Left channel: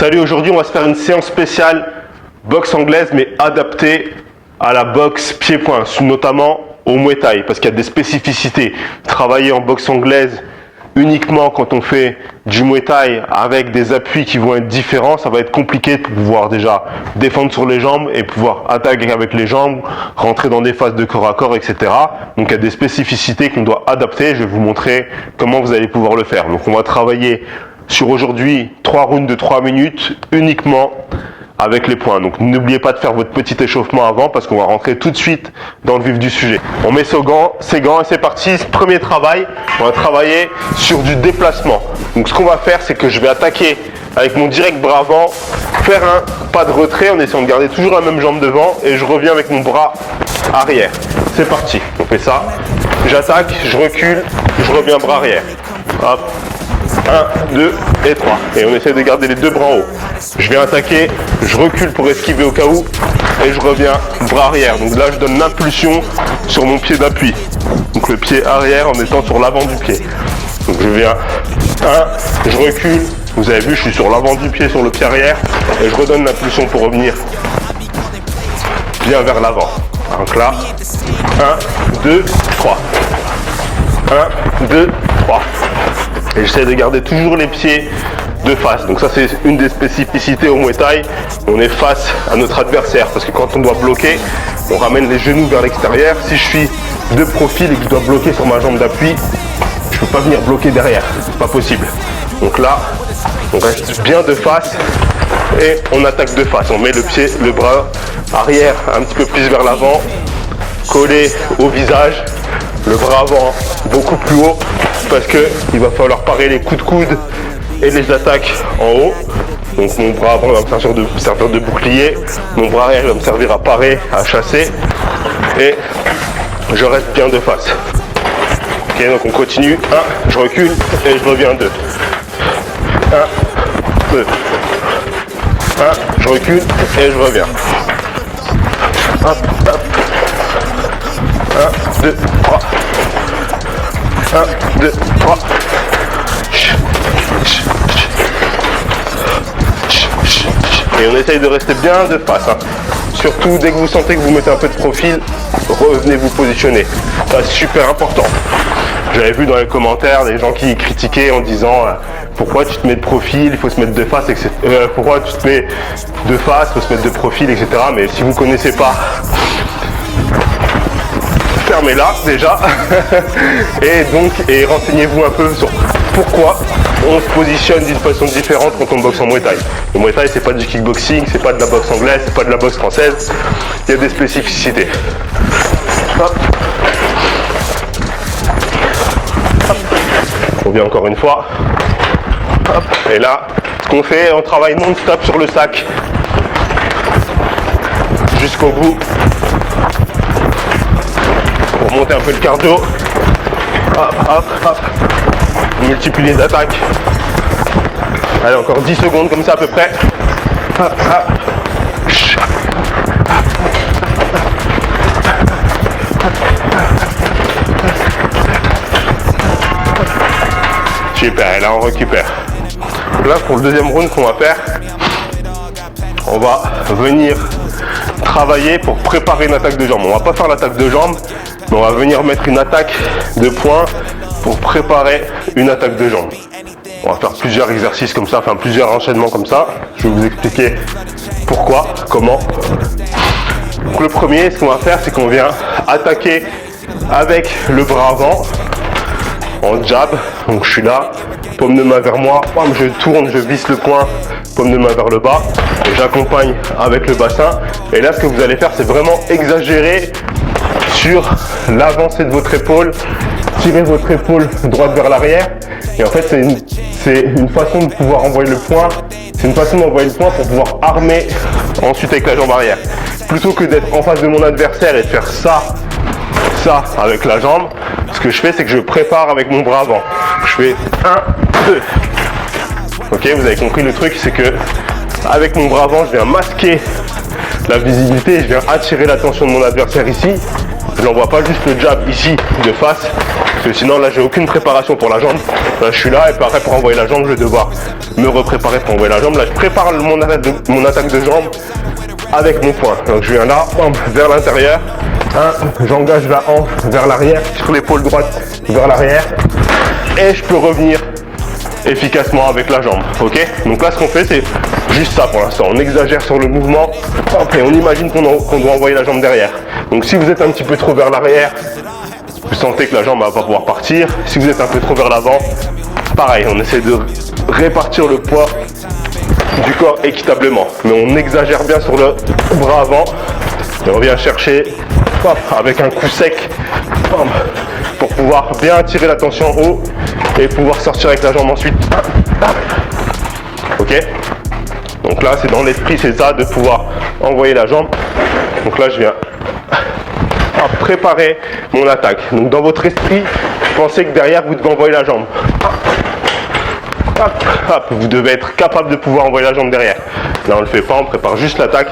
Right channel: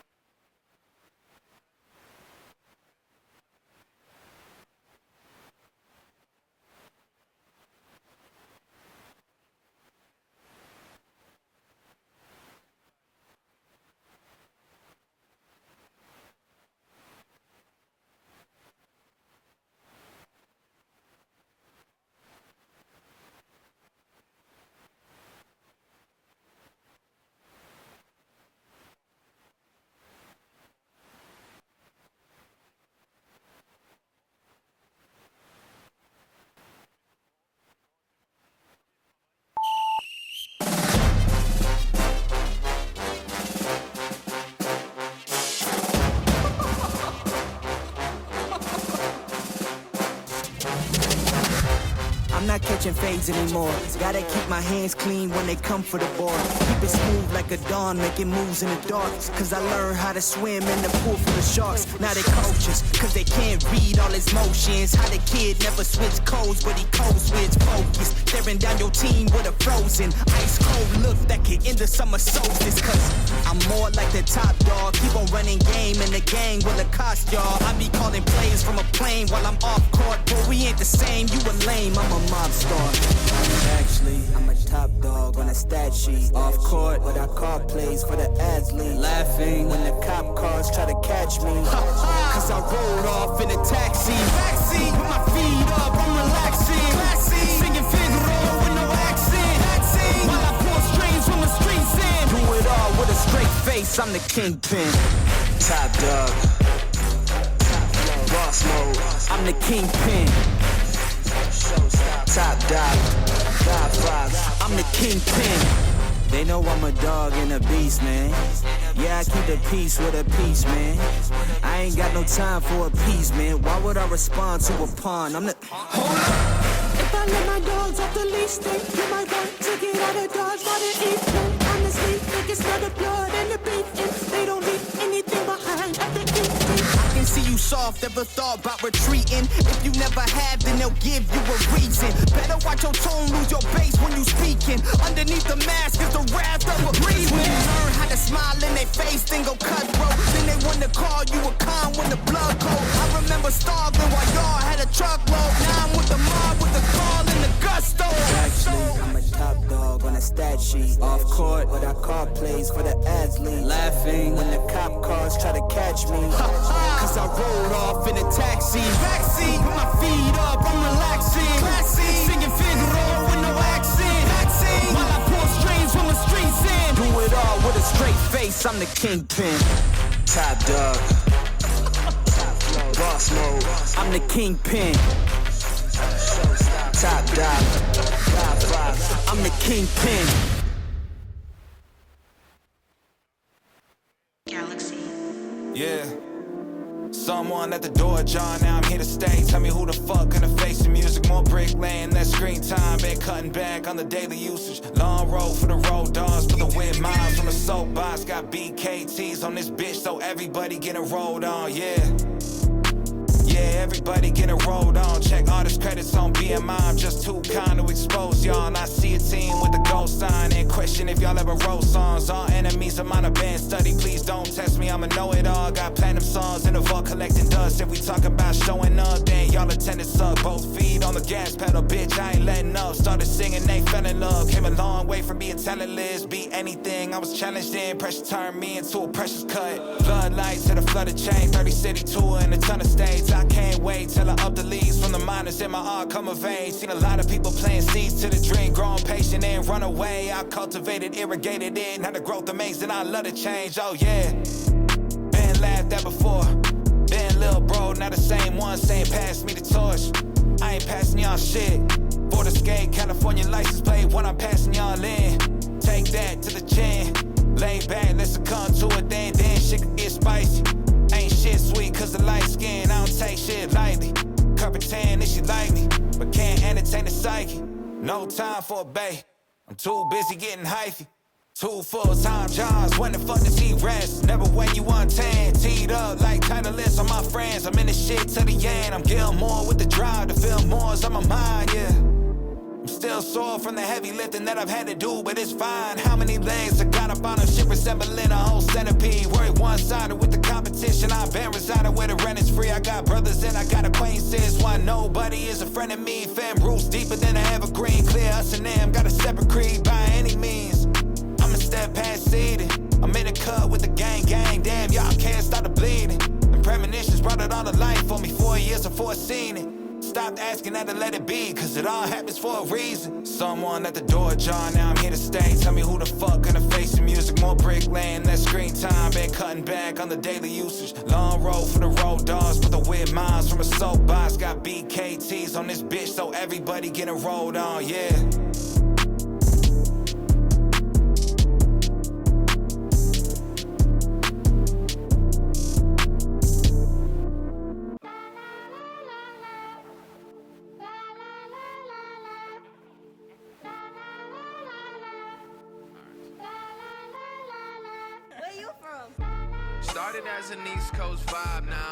Salut, aujourd'hui on va se faire une séance spéciale boxe anglaise mais adaptée à la boxe pied-point, notamment au Muay Thai parce qu'il y a des spécificités. Travailler en boxe anglaise uniquement quand on fait du Muay Thai avec des appuis qui vont être différents, ça va être compliqué pour pouvoir déjà défendre sur les jambes et pouvoir attaquer avec les jambes, rentrer dans des phases de corps à corps, etc. Donc il y a des spécificités qu'on doit adapter. Je vais vous montrer comment vous allez pouvoir le faire. Donc on va travailler sur aujourd'hui 3 rounds de 3 minutes uniquement avec les poings. Donc n'oubliez pas de faire votre petit échauffement avant parce qu'on va rentrer tout de suite dans le vif du sujet. On met ses gants et c'est parti. Premier travail, on va travailler sur du déplacement. Donc ce qu'on va faire, c'est que je vais attaquer avec mon direct bras avant, faire un pas de retrait en essayant de garder toujours la même jambe devant et je reviens avec mon bras arrière. C'est parti, on fait ça. J'attaque, je recule, je reviens bras arrière. Hop. 1, 2 et 3. Et on essaie de garder les deux bras en haut. Je viens attaquer, je recule pour esquiver au cas où et je reviens bras arrière. Donc là je donne l'impulsion sur mon pied d'appui. Donc le pied arrière en étant sur l'avant du pied. Donc je viens 1, je recule. Vous avez vu, je suis sur l'avant du pied, sur le pied arrière et je redonne l'impulsion pour revenir bien vers l'avant. Donc là, 1, 2, 3. 1, 2, 3. Et j'essaie de garder toujours les pieds de face. Donc ça c'est une des spécificités au Muay Thai. On est face à notre adversaire parce que quand on doit bloquer, on ramène les genoux vers l'extérieur. Si je suis de profil et que je dois bloquer sur ma jambe d'appui, je ne peux pas venir bloquer derrière. C'est pas possible. Donc là, on reste bien de face et on attaque de face. On met le pied, le bras arrière un petit peu plus vers l'avant, collé au visage. Le bras avant beaucoup plus haut parce qu'il va falloir parer les coups de coude et les attaques en haut. Donc mon bras avant va me servir de bouclier, mon bras arrière va me servir à parer, à chasser et je reste bien de face. Ok, donc on continue. 1, je recule et je reviens 2. 1, 2. 1, je recule et je reviens. Hop, hop. 1, 2, 3. 1, 2, 3. Et on essaye de rester bien de face. Surtout dès que vous sentez que vous mettez un peu de profil, revenez vous positionner. Ça c'est super important. J'avais vu dans les commentaires des gens qui critiquaient en disant pourquoi tu te mets de profil, il faut se mettre de face, etc. Pourquoi tu te mets de face, il faut se mettre de profil, etc. Mais si vous ne connaissez pas, fermez-la déjà et renseignez-vous un peu sur pourquoi on se positionne d'une façon différente quand on boxe en Muay Thai. Le Muay Thai c'est pas du kickboxing, c'est pas de la boxe anglaise, c'est pas de la boxe française, il y a des spécificités. Hop. Hop. On vient encore une fois. Hop. Et là, ce qu'on fait, on travaille non-stop sur le sac jusqu'au bout. Pour monter un peu le cardio. Hop, hop, hop. On multiplie les attaques. Allez, encore 10 secondes comme ça à peu près. Hop, hop. Super, et là on récupère. Là pour le deuxième round qu'on va faire, on va venir travailler pour préparer une attaque de jambe. On va pas faire l'attaque de jambe, mais on va venir mettre une attaque de poing pour préparer une attaque de jambe. On va faire plusieurs exercices comme ça, enfin plusieurs enchaînements comme ça. Je vais vous expliquer pourquoi, comment. Donc le premier, ce qu'on va faire, c'est qu'on vient attaquer avec le bras avant. En jab, donc je suis là, paume de main vers moi, je tourne, je visse le poing, paume de main vers le bas, et j'accompagne avec le bassin. Et là, ce que vous allez faire, c'est vraiment exagérer sur l'avancée de votre épaule, tirer votre épaule droite vers l'arrière. Et en fait, c'est une façon de pouvoir envoyer le poing, c'est une façon d'envoyer le poing pour pouvoir armer ensuite avec la jambe arrière. Plutôt que d'être en face de mon adversaire et de faire ça avec la jambe, ce que je fais c'est que je prépare avec mon bras avant. Je fais 1, 2. Ok, vous avez compris le truc, c'est que avec mon bras avant je viens masquer la visibilité, je viens attirer l'attention de mon adversaire ici. Je n'envoie pas juste le jab ici de face, parce que sinon là j'ai aucune préparation pour la jambe. Là je suis là et pareil pour envoyer la jambe, je vais devoir me repréparer pour envoyer la jambe. Là je prépare mon attaque de jambe avec mon poing. Donc je viens là, vers l'intérieur, j'engage la hanche vers l'arrière, sur l'épaule droite vers l'arrière, et je peux revenir efficacement avec la jambe, ok? Donc là ce qu'on fait c'est juste ça pour l'instant, on exagère sur le mouvement et on imagine qu'on doit envoyer la jambe derrière. Donc si vous êtes un petit peu trop vers l'arrière, vous sentez que la jambe va pas pouvoir partir. Si vous êtes un peu trop vers l'avant, pareil, on essaie de répartir le poids du corps équitablement, mais on exagère bien sur le bras avant et on vient chercher avec un coup sec pour pouvoir bien attirer la tension en haut et pouvoir sortir avec la jambe ensuite. Ok, donc là c'est dans l'esprit, c'est ça, de pouvoir envoyer la jambe. Donc là je viens préparer mon attaque. Donc dans votre esprit, pensez que derrière vous devez envoyer la jambe. Hop, hop, vous devez être capable de pouvoir envoyer la jambe derrière. Là on ne le fait pas, on prépare juste l'attaque.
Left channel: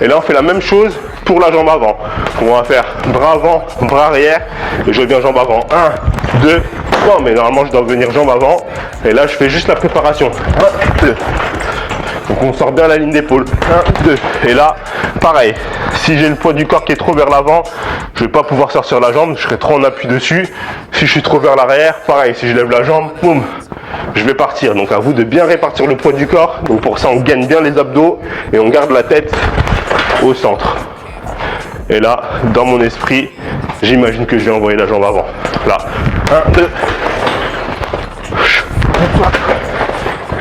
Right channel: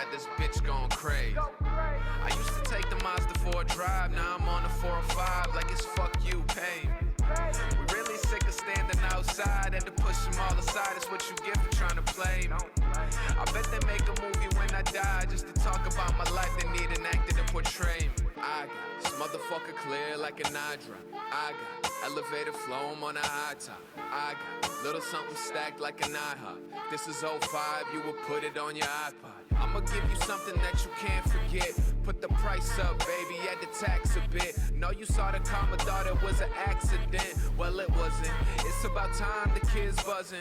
Et là on fait la même chose pour la jambe avant. On va faire bras avant, bras arrière, et je viens jambe avant. 1, 2, 3, mais normalement je dois venir jambe avant. Et là je fais juste la préparation. 1, 2. Donc on sort bien la ligne d'épaule. 1, 2. Et là, pareil. Si j'ai le poids du corps qui est trop vers l'avant, je ne vais pas pouvoir sortir la jambe, je serai trop en appui dessus. Si je suis trop vers l'arrière, pareil. Si je lève la jambe, boum, je vais partir. Donc à vous de bien répartir le poids du corps. Donc pour ça, on gagne bien les abdos et on garde la tête au centre. Et là, dans mon esprit, j'imagine que je vais envoyer la jambe avant. Là, 1, 2.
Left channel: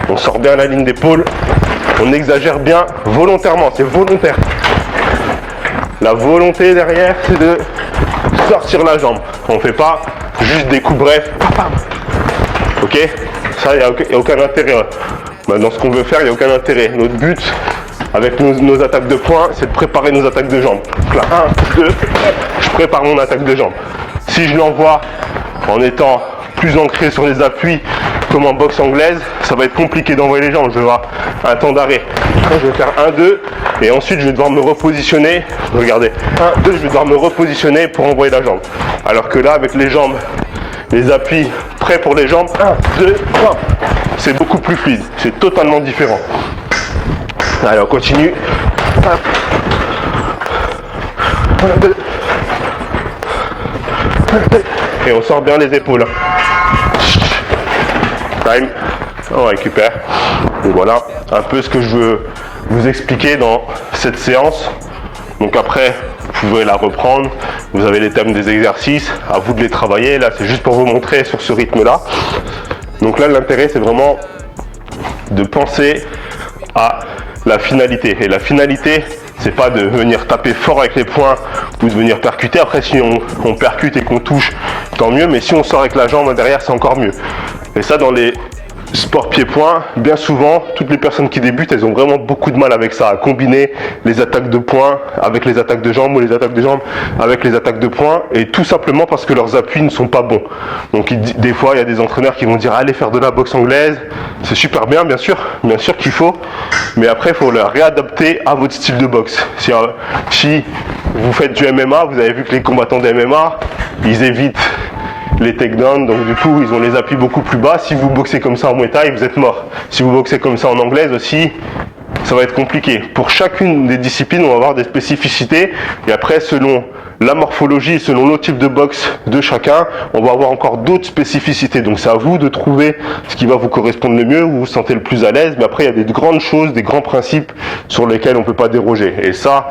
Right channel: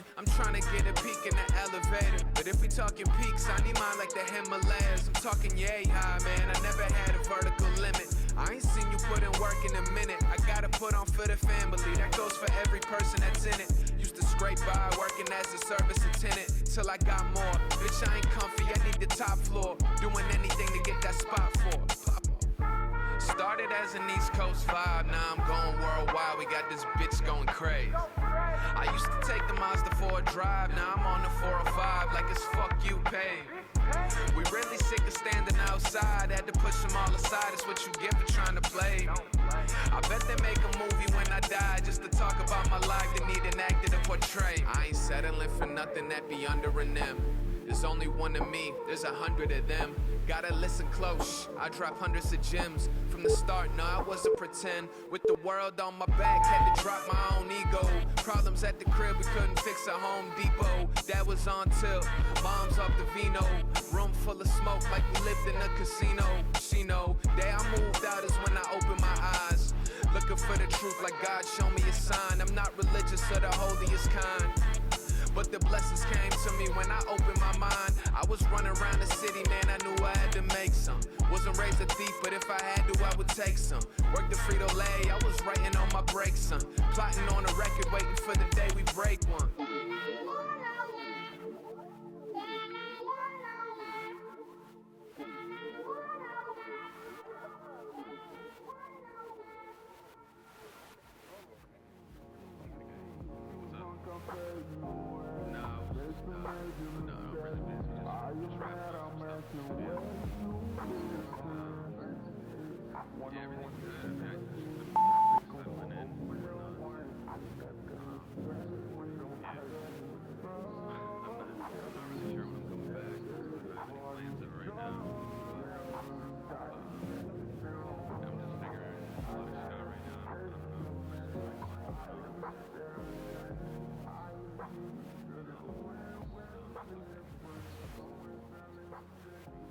On sort bien la ligne d'épaule. On exagère bien volontairement, c'est volontaire. La volonté derrière, c'est de sortir la jambe. On ne fait pas juste des coups brefs. Ok? Ça, il n'y a aucun intérêt. Dans ce qu'on veut faire, il n'y a aucun intérêt. Notre but, avec nos attaques de poing, c'est de préparer nos attaques de jambes. Donc là, 1, 2, je prépare mon attaque de jambes. Si je l'envoie en étant plus ancré sur les appuis, comme en boxe anglaise, ça va être compliqué d'envoyer les jambes. Je vais avoir un temps d'arrêt. Je vais faire 1, 2, et ensuite je vais devoir me repositionner. Regardez, 1, 2, je vais devoir me repositionner pour envoyer la jambe. Alors que là, avec les jambes, les appuis prêts pour les jambes, 1, 2, 3, c'est beaucoup plus fluide. C'est totalement différent. Allez, on continue. 1, 2, et on sort bien les épaules. Time, on récupère. Et voilà un peu ce que je veux vous expliquer dans cette séance. Donc après, vous pouvez la reprendre. Vous avez les thèmes des exercices, à vous de les travailler. Là, c'est juste pour vous montrer sur ce rythme-là. Donc là, l'intérêt, c'est vraiment de penser à la finalité. Et la finalité, c'est pas de venir taper fort avec les poings ou de venir percuter. Après, si on percute et qu'on touche, tant mieux. Mais si on sort avec la jambe derrière, c'est encore mieux. Et ça, dans les sports pied-point, bien souvent, toutes les personnes qui débutent, elles ont vraiment beaucoup de mal avec ça, à combiner les attaques de poing avec les attaques de jambes ou les attaques de jambes avec les attaques de poing, et tout simplement parce que leurs appuis ne sont pas bons. Donc des fois, il y a des entraîneurs qui vont dire allez faire de la boxe anglaise, c'est super bien sûr qu'il faut, mais après il faut le réadapter à votre style de boxe. Si vous faites du MMA, vous avez vu que les combattants de MMA, ils évitent les takedowns, donc du coup ils ont les appuis beaucoup plus bas. Si vous boxez comme ça en Muay Thai, vous êtes mort. Si vous boxez comme ça en anglaise aussi, ça va être compliqué. Pour chacune des disciplines, on va avoir des spécificités, et après selon la morphologie, selon le type de boxe de chacun, on va avoir encore d'autres spécificités. Donc c'est à vous de trouver ce qui va vous correspondre le mieux, où vous vous sentez le plus à l'aise. Mais après il y a des grandes choses, des grands principes sur lesquels on ne peut pas déroger. Et ça,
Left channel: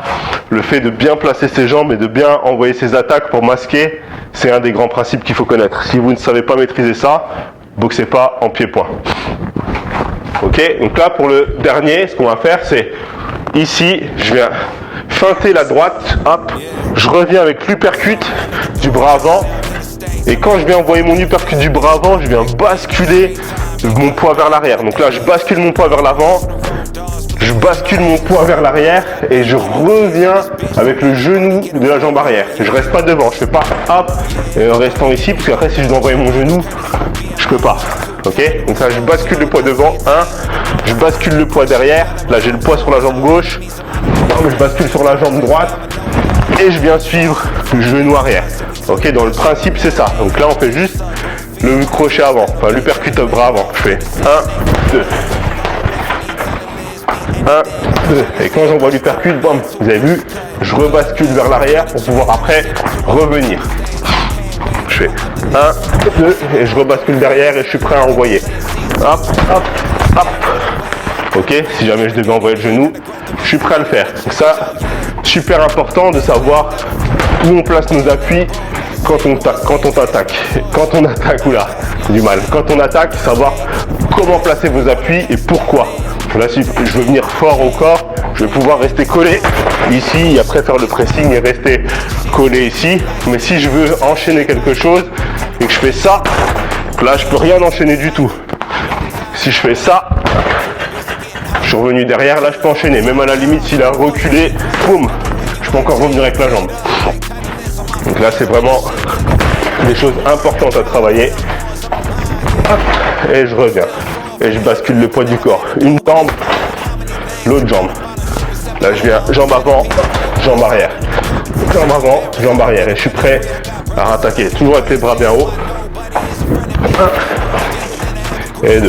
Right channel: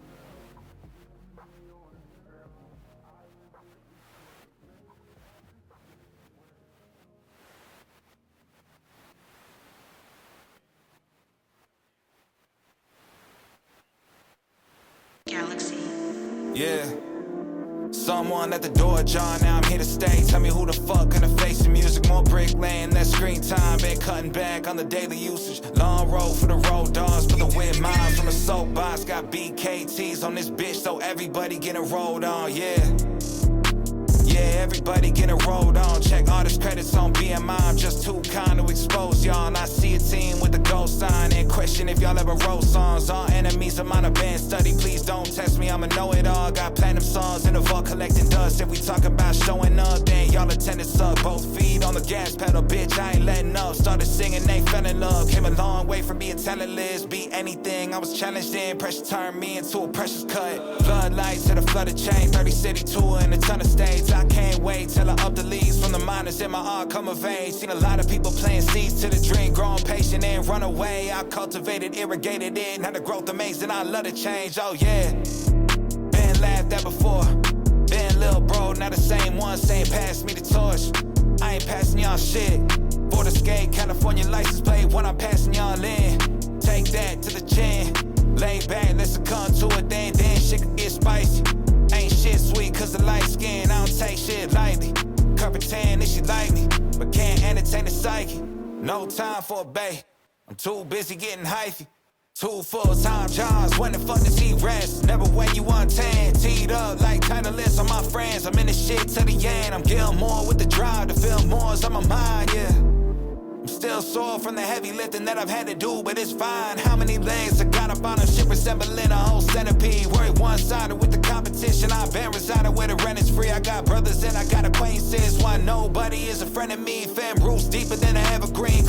le fait de bien placer ses jambes et de bien envoyer ses attaques pour masquer, c'est un des grands principes qu'il faut connaître. Si vous ne savez pas maîtriser ça, boxez pas en pied-point. Ok, donc là pour le dernier, ce qu'on va faire, c'est ici, je viens feinter la droite, hop, je reviens avec l'uppercut du bras avant, et quand je viens envoyer mon uppercut du bras avant, je viens basculer mon poids vers l'arrière. Donc là, je bascule mon poids vers l'avant, je je bascule mon poids vers l'arrière et je reviens avec le genou de la jambe arrière. Je reste pas devant, je fais pas hop et en restant ici, parce qu'après si je dois envoyer mon genou, je peux pas. Ok, donc ça, je bascule le poids devant, je bascule le poids derrière, là j'ai le poids sur la jambe gauche, je bascule sur la jambe droite et je viens suivre le genou arrière. Ok, dans le principe c'est ça. Donc là on fait juste le crochet avant, enfin l'uppercut au bras avant. Je fais 1, 2. 1, 2. Et quand j'envoie l'uppercut, bam, vous avez vu, je rebascule vers l'arrière pour pouvoir après revenir. Je fais 1, 2 et je rebascule derrière et je suis prêt à envoyer. Hop, hop, hop. Ok, si jamais je devais envoyer le genou, je suis prêt à le faire. Donc ça, super important de savoir où on place nos appuis quand on attaque. Quand on attaque, oula, du mal. Quand on attaque, savoir comment placer vos appuis et pourquoi. Là, si je veux venir fort au corps, je vais pouvoir rester collé ici et après faire le pressing et rester collé ici. Mais si je veux enchaîner quelque chose et que je fais ça, là, je peux rien enchaîner du tout. Si je fais ça, je suis revenu derrière, là je peux enchaîner. Même à la limite, s'il a reculé, boum, je peux encore revenir avec la jambe. Donc là, c'est vraiment des choses importantes à travailler. Hop, et je reviens. Et je bascule le poids du corps. Une jambe, l'autre jambe. Là, je viens jambe avant, jambe arrière. Jambe avant, jambe arrière. Et je suis prêt à rattaquer. Toujours avec les bras bien hauts. 1 et 2.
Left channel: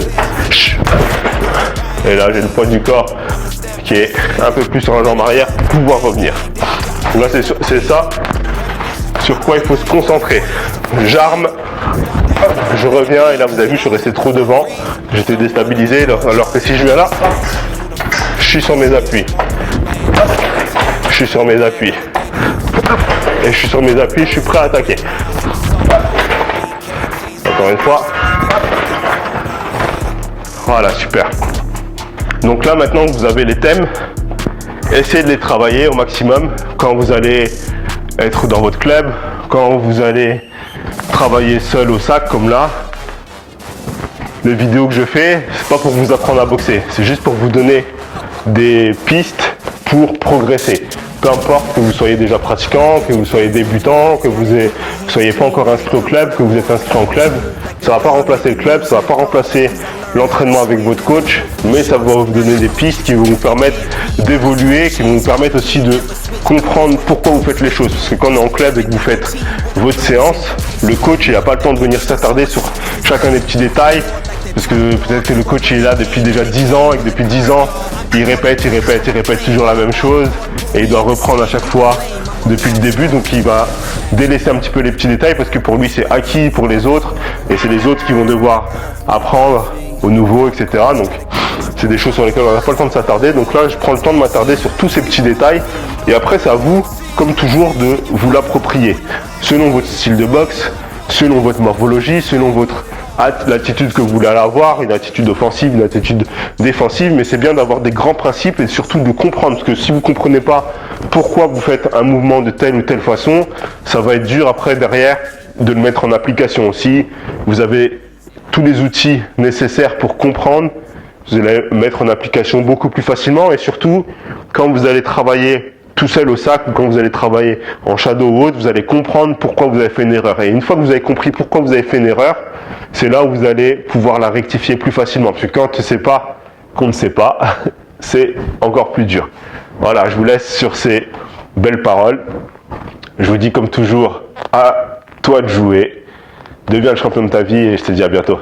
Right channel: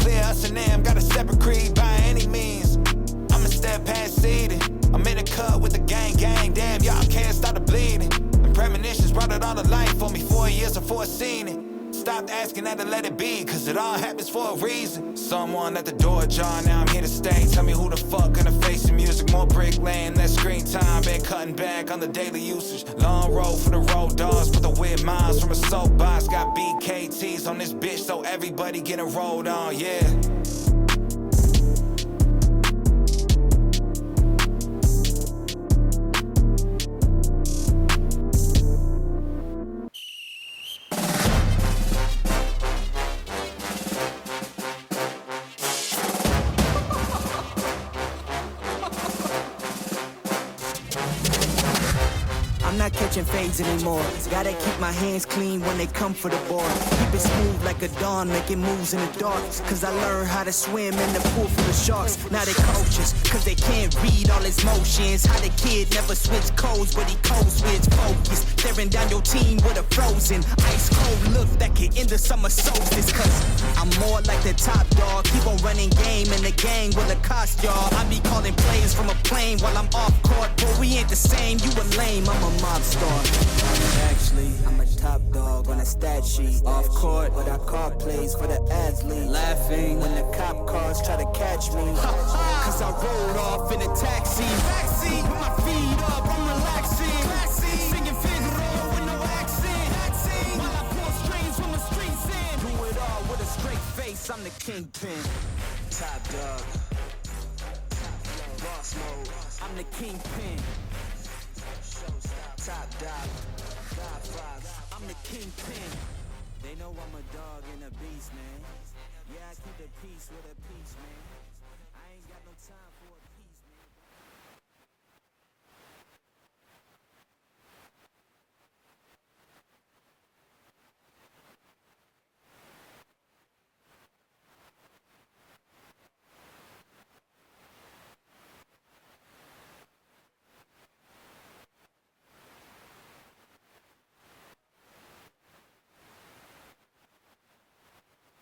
Et là, j'ai le poids du corps qui est un peu plus sur la jambe arrière pour pouvoir revenir. Là, c'est ça sur quoi il faut se concentrer. J'arme, je reviens et là, vous avez vu, je suis resté trop devant. J'étais déstabilisé, alors que si je viens là, je suis sur mes appuis. Je suis sur mes appuis. Et je suis sur mes appuis, je suis prêt à attaquer. Encore une fois. Voilà, super. Donc là, maintenant que vous avez les thèmes, essayez de les travailler au maximum quand vous allez être dans votre club, quand vous allez travailler seul au sac comme là. Les vidéos que je fais, c'est pas pour vous apprendre à boxer, c'est juste pour vous donner des pistes pour progresser. Peu importe que vous soyez déjà pratiquant, que vous soyez débutant, que vous ne soyez pas encore inscrit au club, que vous êtes inscrit en club, ça ne va pas remplacer le club, ça ne va pas remplacer l'entraînement avec votre coach, mais ça va vous donner des pistes qui vont vous permettre d'évoluer, qui vont vous permettre aussi de comprendre pourquoi vous faites les choses. Parce que quand on est en club et que vous faites votre séance, le coach n'a pas le temps de venir s'attarder sur chacun des petits détails, parce que peut-être que le coach il est là depuis déjà 10 ans et que depuis 10 ans, il répète toujours la même chose et il doit reprendre à chaque fois depuis le début, donc il va délaisser un petit peu les petits détails parce que pour lui c'est acquis pour les autres et c'est les autres qui vont devoir apprendre au nouveau, etc. Donc c'est des choses sur lesquelles on n'a pas le temps de s'attarder, donc là je prends le temps de m'attarder sur tous ces petits détails et après c'est à vous, comme toujours, de vous l'approprier selon votre style de boxe, selon votre morphologie, selon votre l'attitude que vous voulez avoir, une attitude offensive, une attitude défensive, mais c'est bien d'avoir des grands principes et surtout de comprendre, parce que si vous ne comprenez pas pourquoi vous faites un mouvement de telle ou telle façon, ça va être dur après derrière de le mettre en application aussi. Vous avez tous les outils nécessaires pour comprendre, vous allez le mettre en application beaucoup plus facilement et surtout quand vous allez travailler tout seul au sac ou quand vous allez travailler en shadow ou autre, vous allez comprendre pourquoi vous avez fait une erreur. Et une fois que vous avez compris pourquoi vous avez fait une erreur, c'est là où vous allez pouvoir la rectifier plus facilement. Parce que quand on ne sait pas qu'on ne sait pas, c'est encore plus dur. Voilà, je vous laisse sur ces belles paroles. Je vous dis comme toujours, à toi de jouer. Deviens le champion de ta vie et je te dis à bientôt.